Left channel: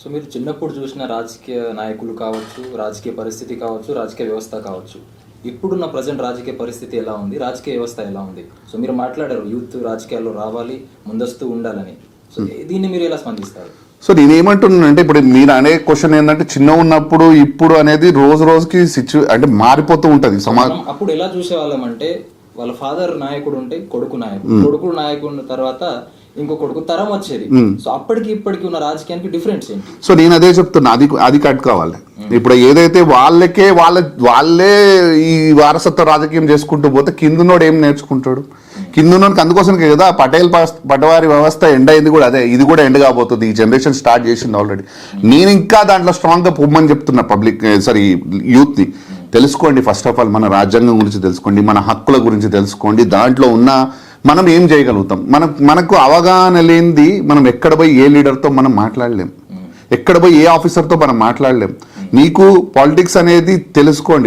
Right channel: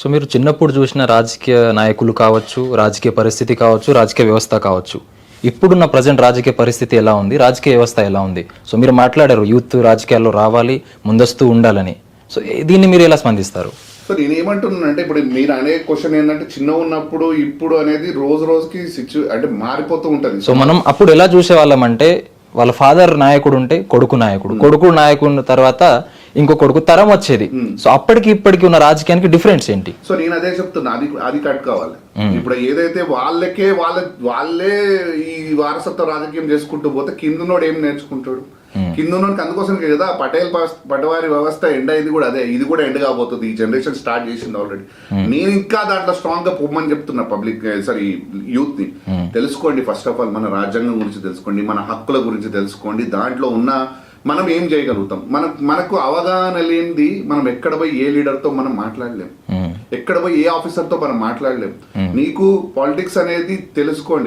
So మీరు చిన్నప్పుడు చూసిన రాజకీయ నాయకులు కావచ్చు, రాజకీయ పరిస్థితి కావచ్చు, రాజకీయ వ్యవస్థ కావచ్చు, ఇప్పుడున్న ప్రజెంట్ రాజకీయ పరిస్థితి ఎలా ఉంది, రాజకీయ వ్యవస్థ ఎలా ఉంది? సో మీరు మాట్లాడారు యూత్ రాజకీయాల్లో రావాలి, ముందస్తు ఉండాలని. సో దీన్ని మీరు ఎలా స్పందిస్తారు? సో నేనేమంటున్నానంటే ఇప్పుడు మీరు అనే క్వశ్చన్ ఏంటంటే చిన్న ఉన్నప్పుడు ఇప్పుడు అనేది రోజు రోజుకి అంటే మారిపోతూ ఉంటది. సో మనం అప్పుడు ఎలా చూసేవాళ్ళం అంటే వాళ్ళ ఫాదర్ నాయకుడు ఉంటే కొడుకు నాయకుడు, కొడుకు నాయకుడు తర్వాత ఇంకో కొడుకు తరం వచ్చేది. సో అప్పటికి ఇప్పటికి ఉన్న రాజకీయానికి డిఫరెన్స్ ఏంటి? సో నేను అదే చెప్తున్నా, అది కట్ కావాలి. ఇప్పుడు ఏదైతే వాళ్ళే ఈ వారసత్వ రాజకీయం చేసుకుంటూ పోతే కిందునోడు ఏం నేర్చుకుంటాడు? కిందునోడికి అందుకోసం కదా పటవారి వ్యవస్థ ఎండ్ అయింది కూడా అదే. ఇది కూడా ఎండ్ కాబోతుంది. ఈ జనరేషన్ స్టార్ట్ చేసింది ఆల్రెడీ. నేను ఇంకా దాంట్లో స్ట్రాంగ్ గా పొమ్మని చెప్తున్నా యూత్ ని. తెలుసుకోండి, ఫస్ట్ ఆఫ్ ఆల్ మన రాజ్యాంగం గురించి తెలుసుకోండి, మన హక్కుల గురించి తెలుసుకోండి. దాంట్లో ఉన్న మనం ఏం చేయగలుగుతాం, మనకు అవగాహన లేనిది మనం ఎక్కడ పోయి ఏ లీడర్తో మనం మాట్లాడలేం, ఎక్కడ పోయి ఏ ఆఫీసర్తో మనం మాట్లాడలేం. నీకు పాలిటిక్స్ అనేది తెలుసుకోండి.